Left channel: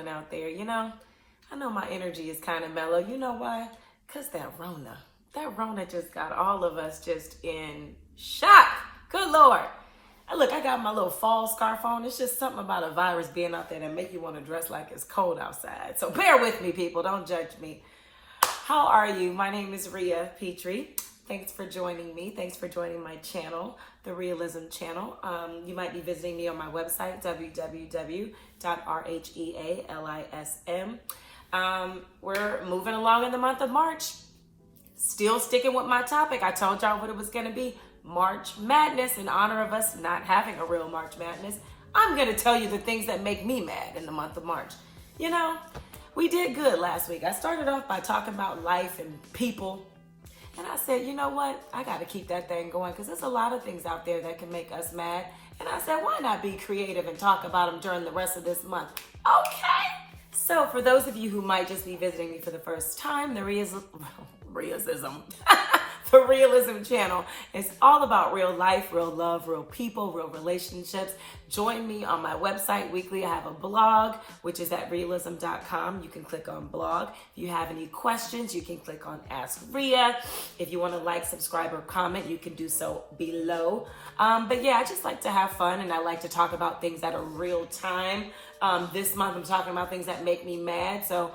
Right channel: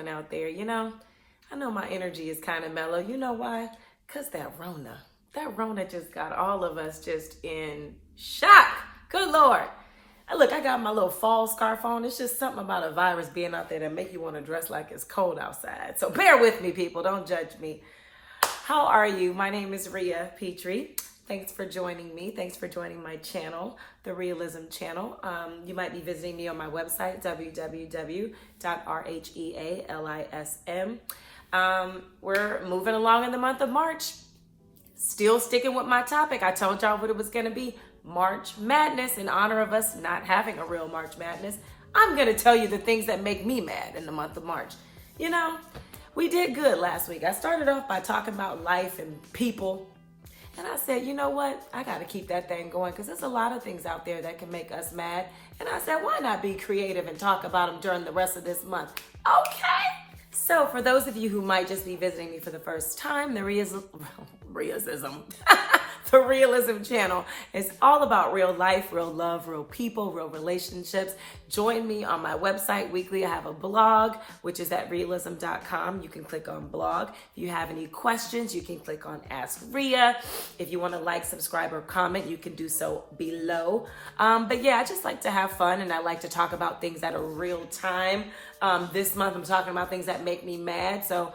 doing out there? I know my energy is kind of mellow. You know why? Because that Rona just got all of us just in shock. Good Lord. Look, I got my little fall scarf on. It's just something about a virus being out there that make you want to dress like it's cold outside. So bear with me, people. Don't judge me. How are you? My name is Rhea Petrie. Thanks for joining me. Thanks for joining my channel, the Rhealism channel. You might be visiting me on my website, www.rhealism. We're moving along in the month of March. Still sticking with my topic. I told y'all what it was going to be. March Madness. In honor of us not having a real March Madness, I'm going to tell you the things that make me mad in the month of March. We did good last week. I started off by talking about life and people. And I said, you know what? I got to keep that thing going because there's a lot of things out there that can make us mad. And I said, why not be creative and talk about them during the rest of this month? Okay. So for those of you who might just be visiting me for the first time, the Rhealism channel is all about real life, real love, real people, real relationships. Join me on my website weekly. I have a blog, which is at rhealism.com. You can click on blog. If you have any questions, you can click on Ask Rhea. If you want to like, subscribe, or comment, you can do so below. But yeah, I just like to have fun and I like to talk about things that are real time. This month, I'm talking about things that make me mad. So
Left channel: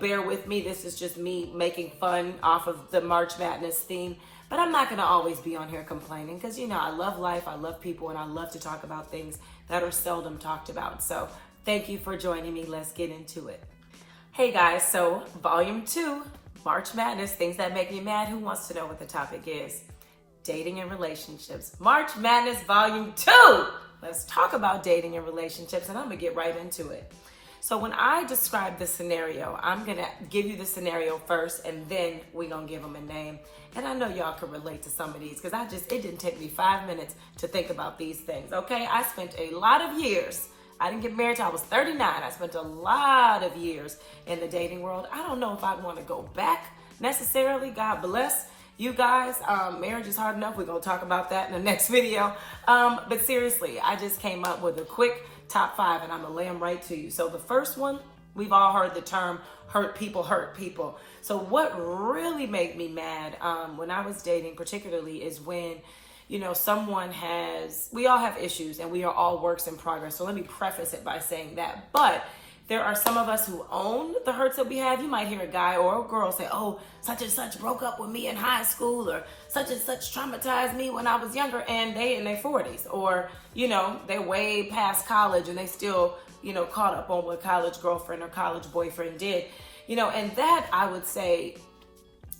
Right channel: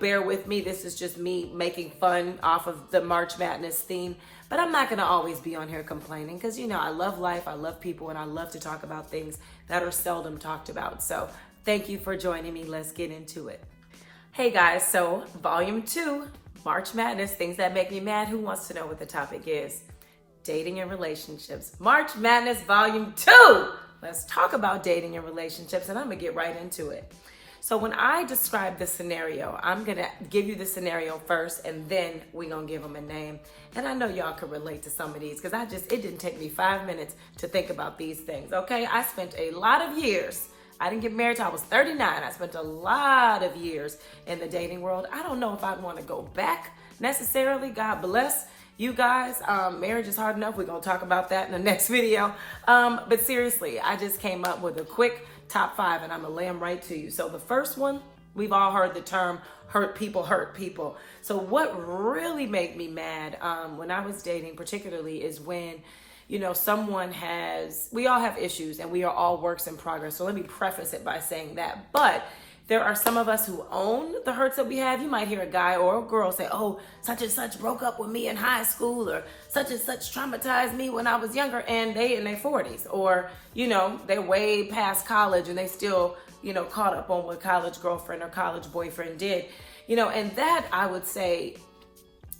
bear with me. This is just me making fun off of the March Madness theme. But I'm not going to always be on here complaining because, I love life, I love people, and I love to talk about things that are seldom talked about. So thank you for joining me. Let's get into it. Hey guys, so Volume 2, March Madness, things that make me mad. Who wants to know what the topic is? Dating and relationships. March Madness Volume 2. Let's talk about dating and relationships, and I'm going to get right into it. So when I describe the scenario, I'm going to give you the scenario first, and then we're going to give them a name. And I know y'all can relate to some of these because it didn't take me 5 minutes to think about these things, okay? I spent a lot of years. I didn't get married till I was 39. I spent a lot of years in the dating world. I don't know if I'd want to go back necessarily. God bless you guys. Marriage is hard enough. We're going to talk about that in the next video. But seriously, I just came up with a quick top 5 and I'm gonna lay them right to you. So the first one, we've all heard the term hurt people hurt people. So what really made me mad when I was dating particularly is when, we all have issues and we are all works in progress. So let me preface it by saying that. But there are some of us who own the hurts that we have. You might hear a guy or a girl say, oh, such and such broke up with me in high school, or such and such traumatized me when I was younger, and they in their 40s. Or, they're way past college and they still, caught up on what college girlfriend or college boyfriend did. And that I would say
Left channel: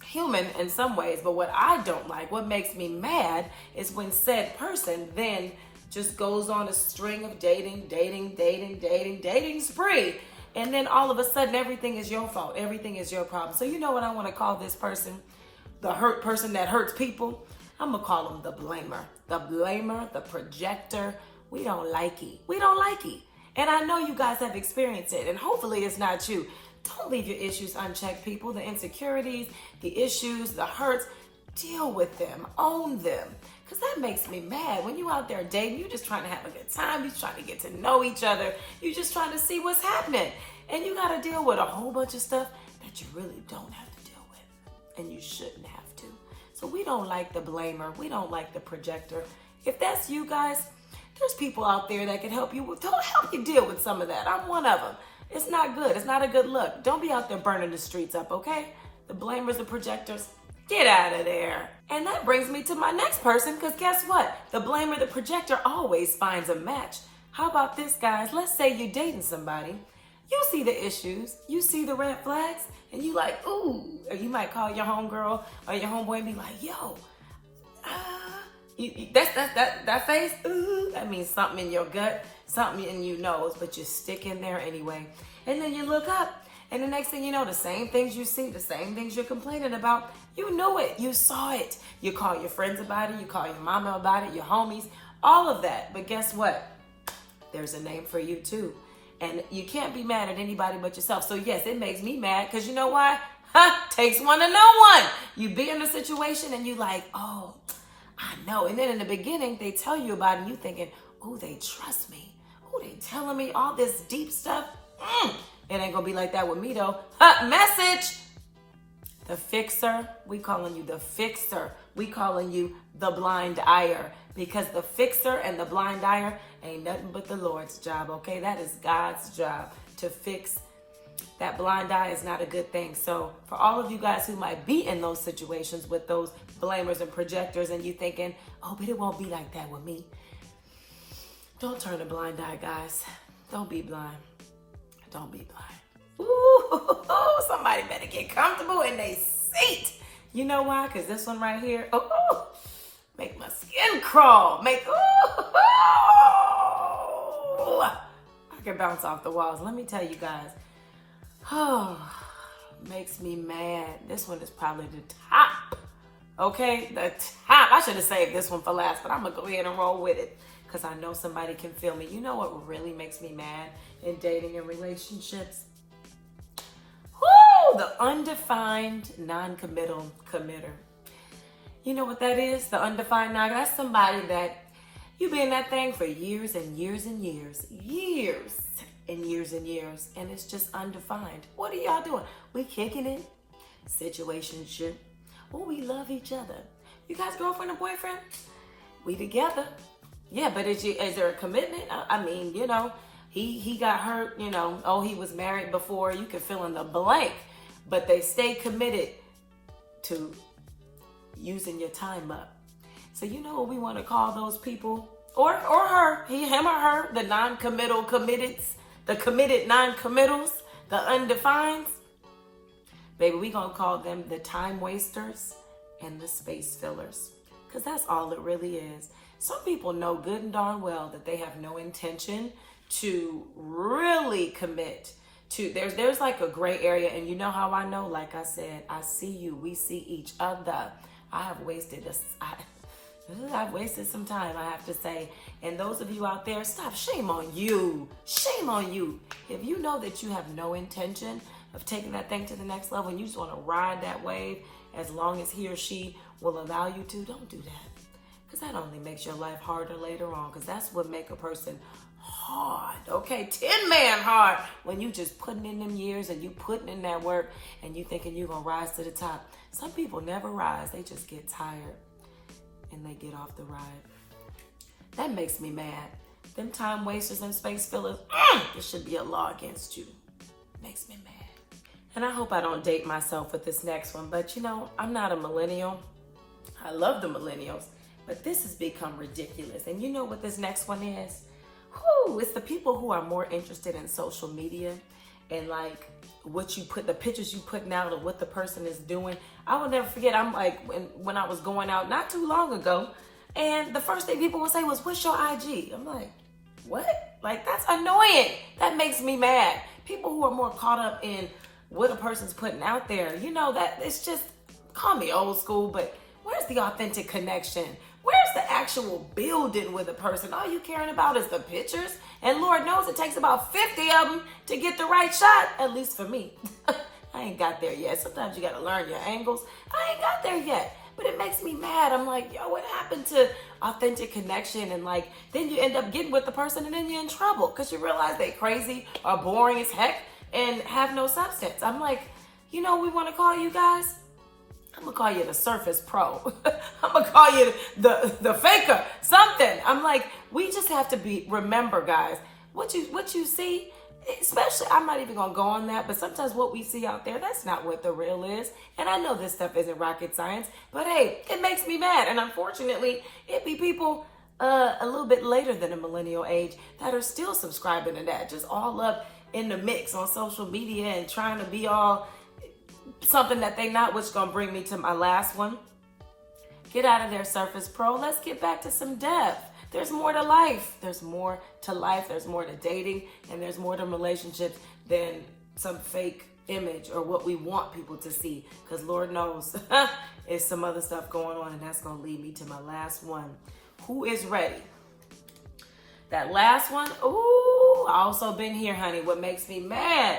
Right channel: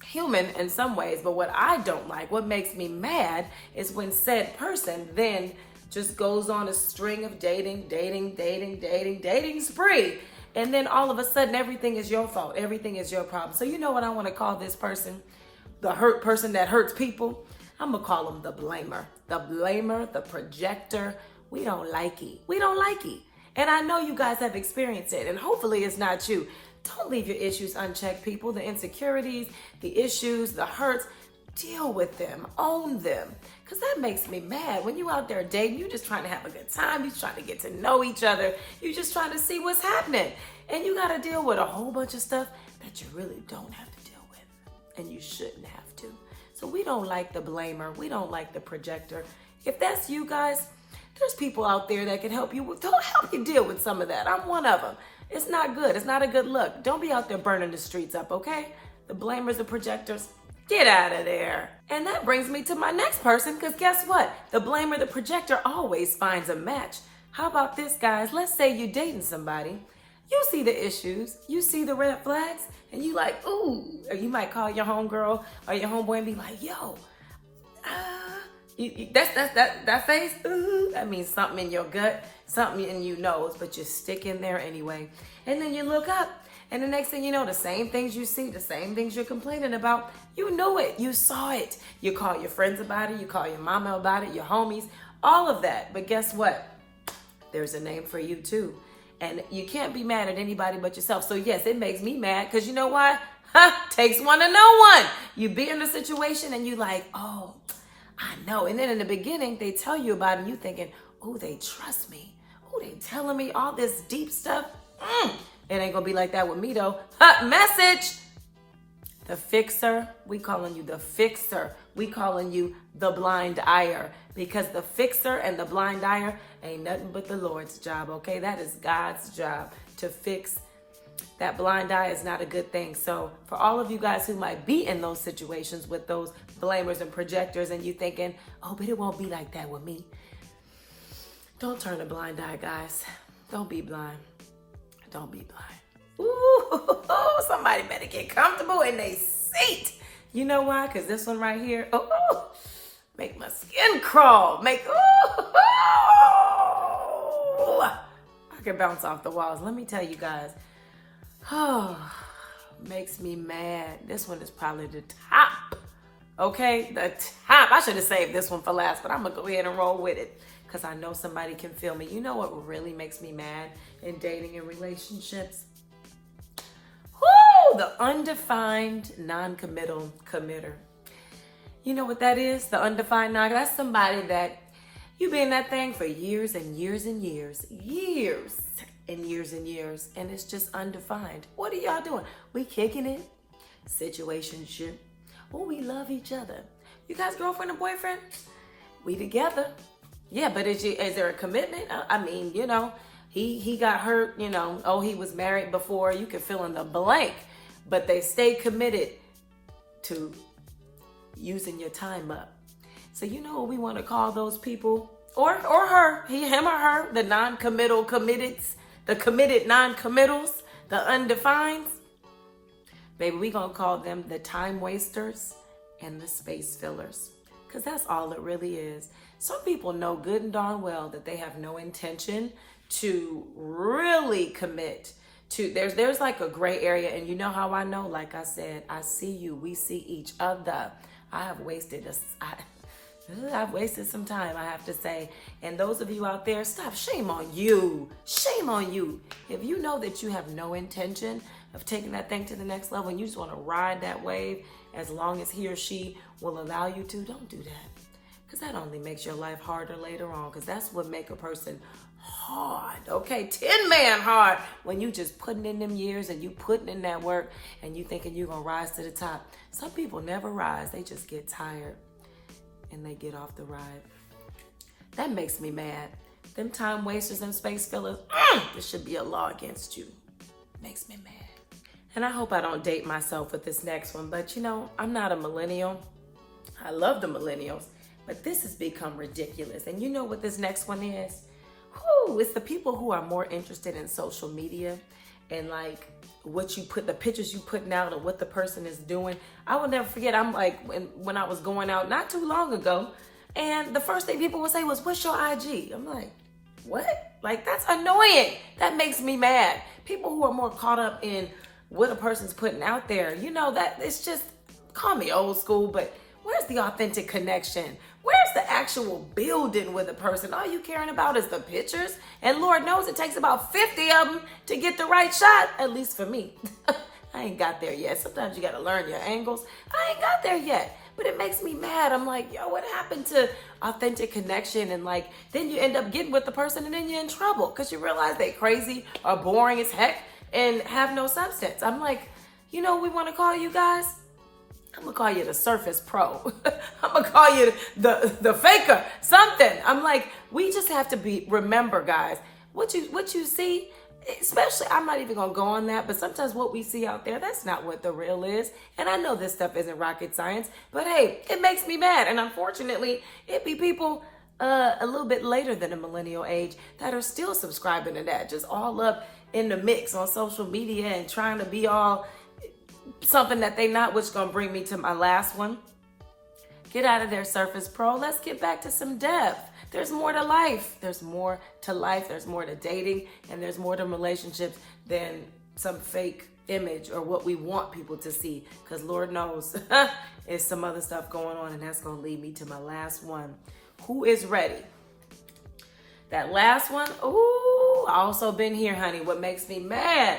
human in some ways. But what I don't like, what makes me mad is when said person then just goes on a string of dating spree. And then all of a sudden, everything is your fault. Everything is your problem. So you know what I want to call this person? The hurt person that hurts people? I'm going to call them the blamer. The blamer, the projector. We don't like it. We don't like it. And I know you guys have experienced it. And hopefully it's not you. Don't leave your issues unchecked, people. The insecurities, the issues, the hurts. Deal with them. Own them. Because that makes me mad. When you out there dating, you're just trying to have a good time. You're trying to get to know each other. You're just trying to see what's happening. And you got to deal with a whole bunch of stuff that you really don't have to deal with. And you shouldn't have to. So we don't like the blamer. We don't like the projector. If that's you guys, there's people out there that can help you. Don't help you deal with some of that. I'm one of them. It's not good. It's not a good look. Don't be out there burning the streets up, okay? The blamers, the projectors. Get out of there. And that brings me to my next person, because guess what? The blamer, the projector always finds a match. How about this, guys? Let's say you're dating somebody. You see the issues. You see the red flags. And you like, ooh. Or you might call your homegirl or your homeboy and be like, yo, that face, ooh, that means something in your gut, something in your nose, but you stick in there anyway. And then you look up. And the next thing you know, the same things you see, the same things you're complaining about, you know it, you saw it. You call your friends about it, you call your mama about it, your homies, all of that. But guess what? There's a name for you too. And you can't be mad at anybody but yourself. So yes, it makes me mad because you know why? Takes one to know one. You be in the situation and you like, oh, I know. And then in the beginning, they tell you about it and you thinking, oh, they trust me. Oh, they telling me all this deep stuff. It ain't gonna be like that with me though. Message. The fixer, we calling you the fixer. We calling you the blind eyer, because the fixer and the blind eyer ain't nothing but the Lord's job, okay? That is God's job to fix. That blind eye is not a good thing. So for all of you guys who might be in those situations with those blamers and projectors and you thinking, oh, but it won't be like that with me. Don't turn a blind eye, guys. Don't be blind. Don't be blind. Ooh, somebody better get comfortable in their seat. You know why? Because this one right here, make my skin crawl. I can bounce off the walls. Let me tell you guys. Makes me mad. This one is probably the top. Okay, the top. I should have saved this one for last, but I'm going to go ahead and roll with it because I know somebody can feel me. You know what really makes me mad in dating and relationships? The undefined non-committal committer. You know what that is? The undefined non. That's somebody that you be in that thing for years and years and years. Years and years and years. And it's just undefined. What are y'all doing? We kicking it. Situationship. Oh, we love each other. You guys girlfriend and boyfriend? We together. Yeah, but is there a commitment? I mean, you know, he got hurt, you know. Oh, he was married before. You can fill in the blank. But they stay committed to using your time up. So you know what we want to call those people? Or her, him or her, the non-committal committeds, the committed non-committals, the undefined. Baby, we gonna call them the time wasters and the space fillers. Because that's all it really is. Some people know good and darn well that they have no intention to really commit to. There's like a gray area, and you know how I know? Like I said, I see you, we see each other. I've wasted some time, I have to say. And those of you out there, stop. Shame on you. Shame on you. If you know that you have no intention of taking that thing to the next level and you just want to ride that wave as long as he or she will allow you to, don't do that. Because that only makes your life harder later on. Because that's what make a person hard, okay? 10-man hard when you just putting in them years and you putting in that work and you thinking you're going to rise to the top. Some people never rise. They just get tired and they get off the ride. That makes me mad. Them time wasters and space fillers, there should be a law against you. Makes me mad. And I hope I don't date myself with this next one, but you know, I'm not a millennial. I love the millennials, but this has become ridiculous. And you know what this next one is? It's the people who are more interested in social media and like what you put, the pictures you putting out of what the person is doing. I will never forget, I'm like, when I was going out not too long ago, and the first thing people would say was, what's your IG? I'm like, what? Like, that's annoying. That makes me mad. People who are more caught up in what a person's putting out there, you know, that it's just, call me old school, but where's the authentic connection? Where's the actual building with a person? All you caring about is the pictures. And Lord knows it takes about 50 of them to get the right shot, at least for me. I ain't got there yet. Sometimes you got to learn your angles. I ain't got there yet. But it makes me mad. I'm like, yo, what happened to authentic connection? And like, then you end up getting with the person and then you're in trouble because you realize they crazy or boring as heck and have no substance. I'm like, you know what we want to call you guys? I'm going to call you the Surface Pro. I'm going to call you the faker, something. I'm like, we just have to remember, guys, what you see, especially, I'm not even going to go on that, but sometimes what we see out there, that's not what the real is. And I know this stuff isn't rocket science, but hey, it makes me mad. And unfortunately, it be people a little bit later than the millennial age that are still subscribing to that, just all up in the mix on social media and trying to be all something that they not, which gonna bring me to my last one. Get out of there, Surface Pro. Let's get back to some depth. There's more to life. There's more to life. There's more to dating, and there's more to relationships than some fake image or what we want people to see. Because Lord knows, there's some other stuff going on, and that's gonna lead me to my last one. Who is ready? That last one, ooh, I also been here, honey. What makes me mad?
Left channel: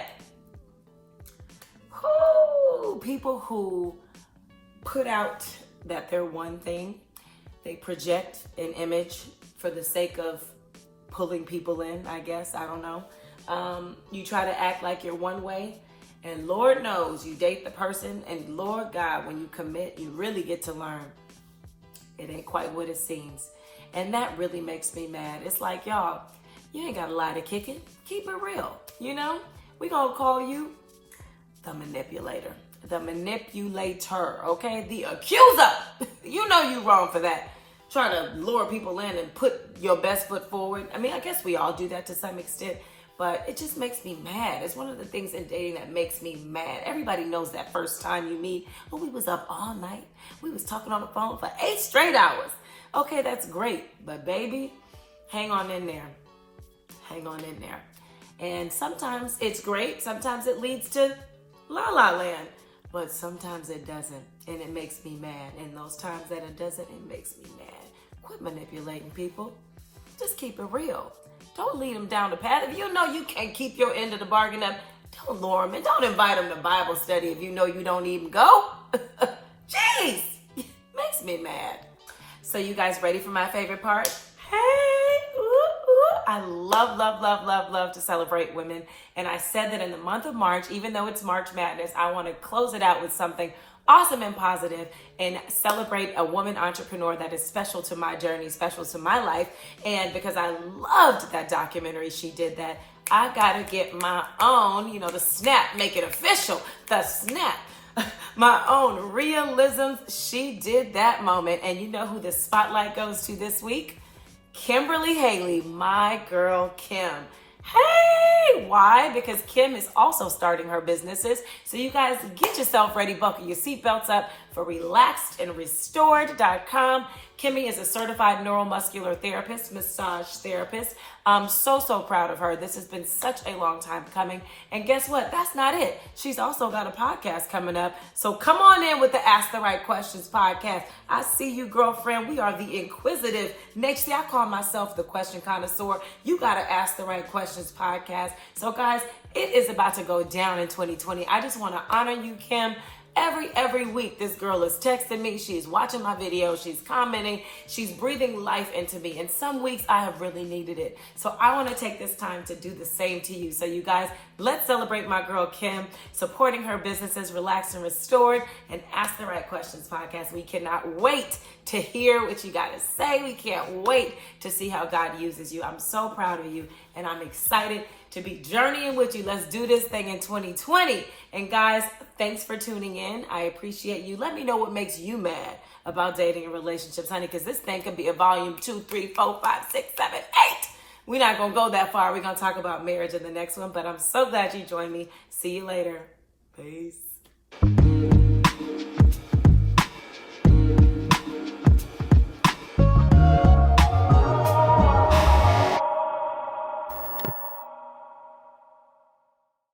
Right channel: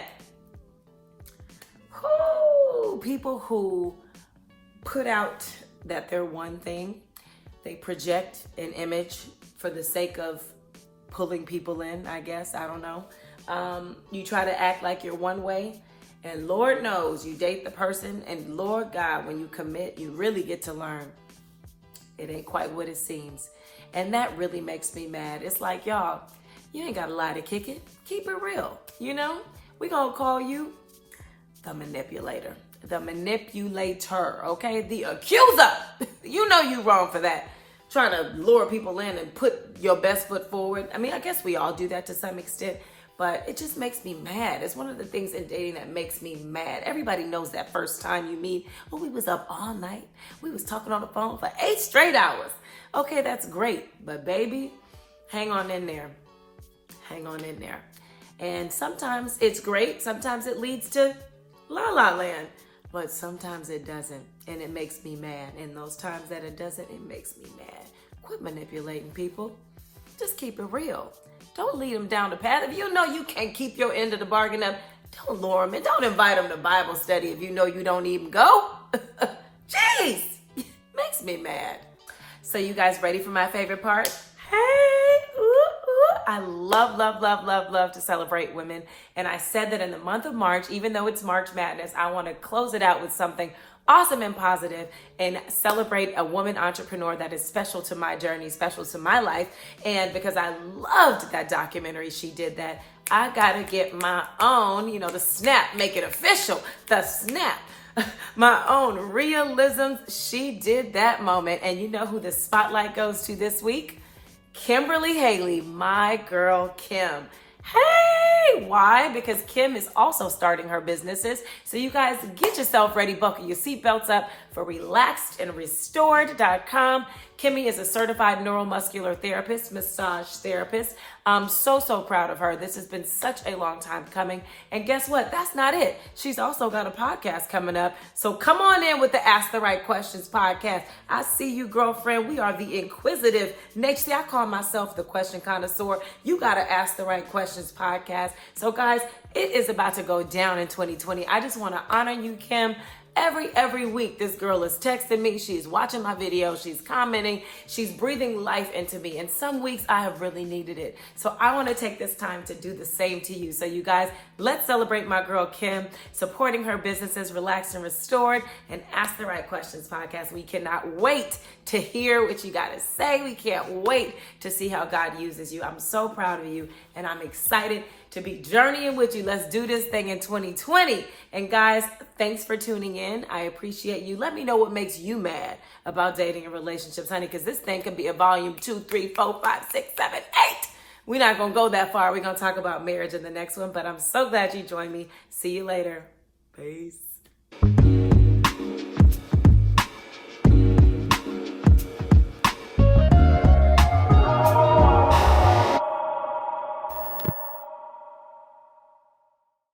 People who put out that they're one thing. They project an image for the sake of pulling people in, I guess. I don't know. You try to act like you're one way, and Lord knows you date the person, and Lord God, when you commit, you really get to learn it ain't quite what it seems. And that really makes me mad. It's like, y'all, you ain't got a lie to kick it. Keep it real, you know? We gonna call you the manipulator, the manipulator, okay? The accuser. You know you wrong for that. Trying to lure people in and put your best foot forward. I mean, I guess we all do that to some extent, but it just makes me mad. It's one of the things in dating that makes me mad. Everybody knows that first time you meet, oh, we was up all night. We was talking on the phone for 8 straight hours. Okay, that's great, but baby, hang on in there. Hang on in there. And sometimes it's great. Sometimes it leads to la la land, but sometimes it doesn't, and it makes me mad. And those times that it doesn't, it makes me mad. Quit manipulating people. Just keep it real. Don't lead them down the path. If you know you can't keep your end of the bargain up, don't lure them and don't invite them to Bible study if you know you don't even go. Jeez, makes me mad. So you guys ready for my favorite part? Hey, ooh, ooh. I love to celebrate women. And I said that in the month of March, even though it's March Madness, I want to close it out with something awesome and positive and celebrate a woman entrepreneur that is special to my journey, special to my life. And because I loved that documentary, she did that. I got to get my own, the snap, make it official, the snap. My own Rhealism. She did that moment. And you know who the spotlight goes to this week? Kimberly Haley, my girl Kim. Hey, why? Because Kim is also starting her businesses. So you guys get yourself ready, buckle your seatbelts up for relaxedandrestored.com. Kimmy is a certified neuromuscular therapist, massage therapist. I'm so proud of her. This has been such a long time coming. And guess what? That's not it. She's also got a podcast coming up. So come on in with the Ask the Right Questions podcast. I see you, girlfriend. We are the inquisitive. Next, I call myself the question connoisseur. You got to Ask the Right Questions podcast. So guys, it is about to go down in 2020. I just want to honor you, Kim. Every week, this girl is texting me. She's watching my videos. She's commenting. She's breathing life into me. And some weeks I have really needed it. So I want to take this time to do the same to you. So you guys, let's celebrate my girl, Kim, supporting her businesses, Relaxed and Restored, and Ask the Right Questions podcast. We cannot wait to hear what you got to say. We can't wait to see how God uses you. I'm so proud of you, and I'm excited to be journeying with you. Let's do this thing in 2020. And guys, thanks for tuning in. I appreciate you. Let me know what makes you mad about dating and relationships, honey, because this thing could be a volume 2, 3, 4, 5, 6, 7, 8. We're not going to go that far. We're going to talk about marriage in the next one, but I'm so glad you joined me. See you later. Peace.